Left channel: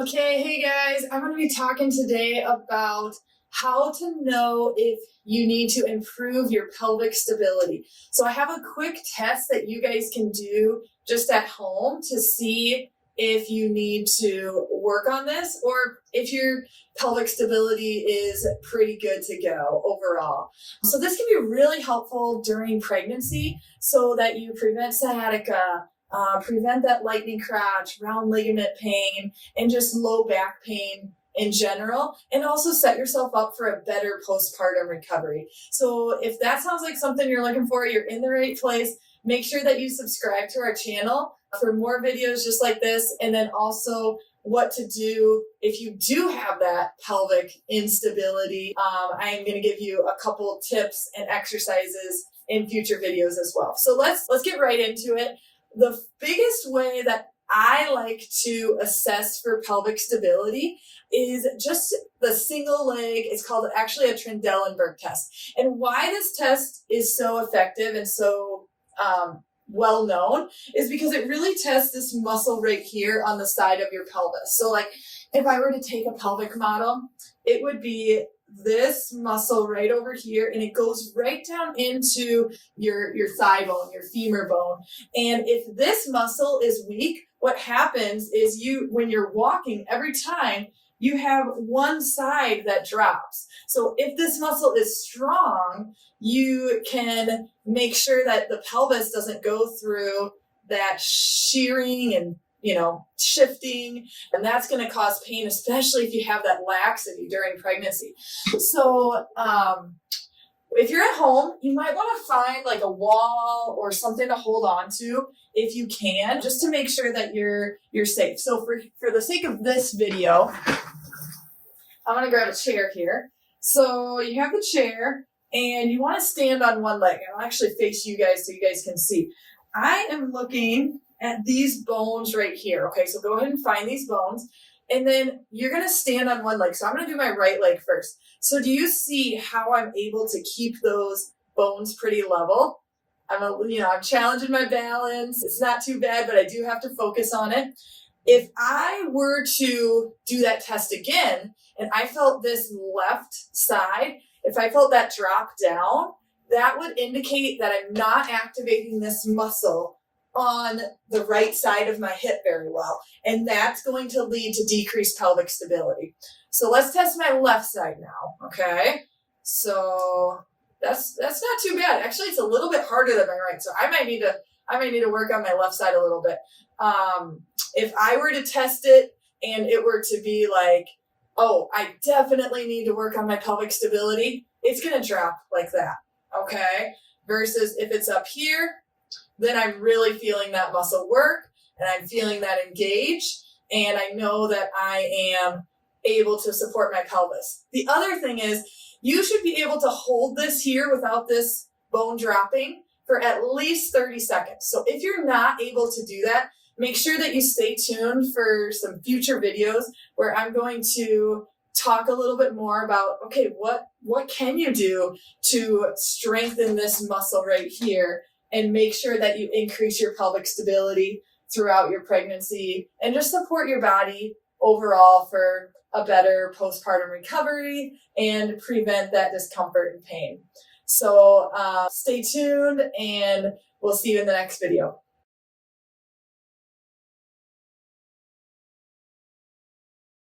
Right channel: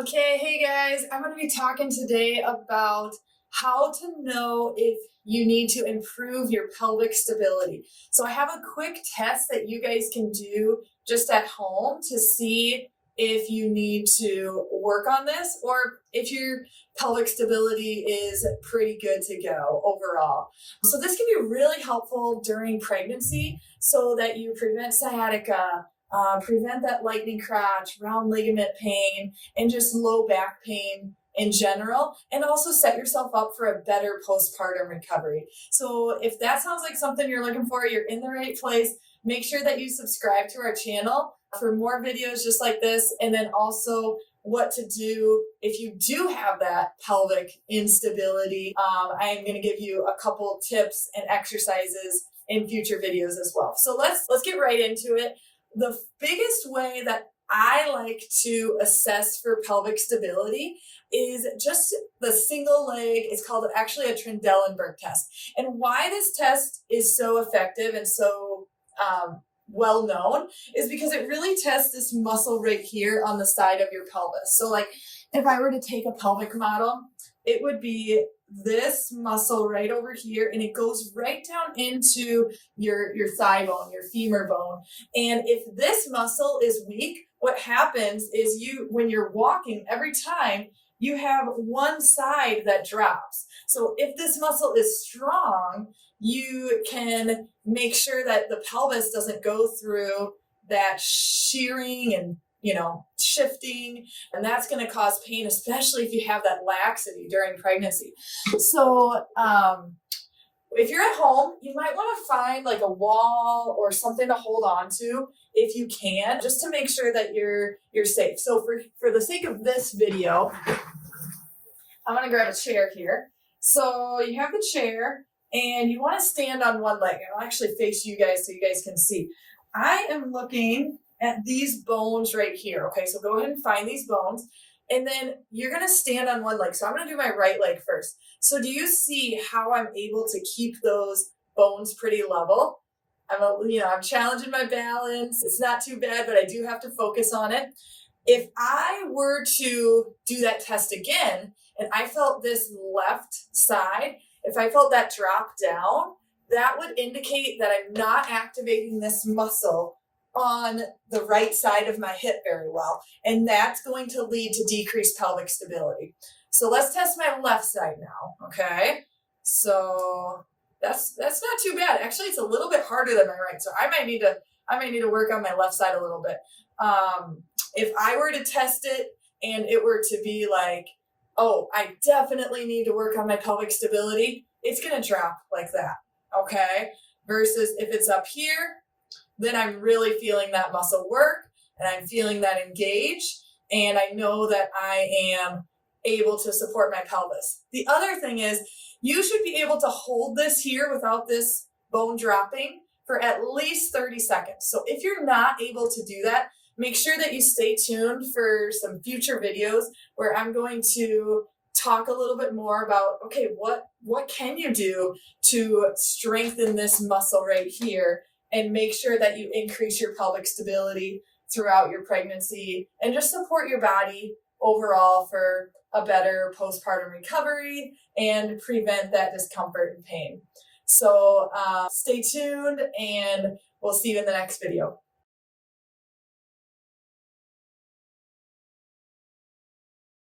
Okay, hey guys, I'm going to be talking today about how to know if you need to improve your pelvic stability. So I have a quick test that you guys can do just at home to see if you need to work on this or if your pelvic stability is pretty good to go overall. So this can be really helpful during pregnancy so that you prevent sciatica, prevent that lightning crotch, round ligament pain, and just low back pain in general, and also set yourself up for a better postpartum recovery. So if that sounds like something you're looking for, you're in the right place. Make sure that you subscribe to our channel for more videos just like this, and then also what to do if you do have that pelvic instability. I am going to give you a couple tips and exercises in future videos as well. So let's get right into it. The biggest way that I like to assess for pelvic stability is just the single leg. It's called actually a Trendelenburg test. And why this test is so effective and so well known is because it really tests this muscle right here on the side of your pelvis. So like if I were to take a pelvic model, it would be this muscle right over here, and it goes right down into your thigh bone, your femur bone. And if this muscle is weak, what happens is when you're walking, every time you have one side that drops. So if this muscle is strong, you can make sure that the pelvis doesn't go through that shearing and shifting, and that's going to cause pain, especially if you have that laxity during pregnancy. So if you're at home, you might want to find like a wall or something to hold on to if you can, just to make sure that you're safe. So for the sake of this video, I'm going to grab a chair here. So you have the chair and you want to stand on one leg. I'll actually face you guys so you guys can see. I am looking at these bones right here. Okay, so go ahead and find these bones, and then you're going to stand on one leg. So I'm going to do my right leg first. So do you see how I'm able to keep those bones pretty level? I'm challenging my balance. It's not too bad, but I do have to focus on it. If I were to do that test again, and I felt this left side, if I felt that drop down, that would indicate that I'm not activating this muscle on the right side of my hip very well. And that's going to lead to decreased pelvic stability. So let's test my left side now, okay? So that's not too bad. Actually, it's a little bit harder than my right. So I might need to work on my left side a little bit. If I were to test it and it were to be like, oh, I definitely need to work on my pelvic stability, it's going to drop like that, okay? Versus if it's up here, then I'm really feeling that muscle work and I'm feeling that engage, and I know that I am able to support my pelvis. The other thing is you should be able to hold this here without this bone dropping for at least 30 seconds. So if you're not able to do that, make sure that you stay tuned for some future videos where I'm going to talk a little bit more about, okay, what can you do to strengthen this muscle right here and make sure that you increase your pelvic stability throughout your pregnancy and just support your body overall for a better postpartum recovery and prevent that discomfort and pain. So stay tuned, and we'll see you in the next video.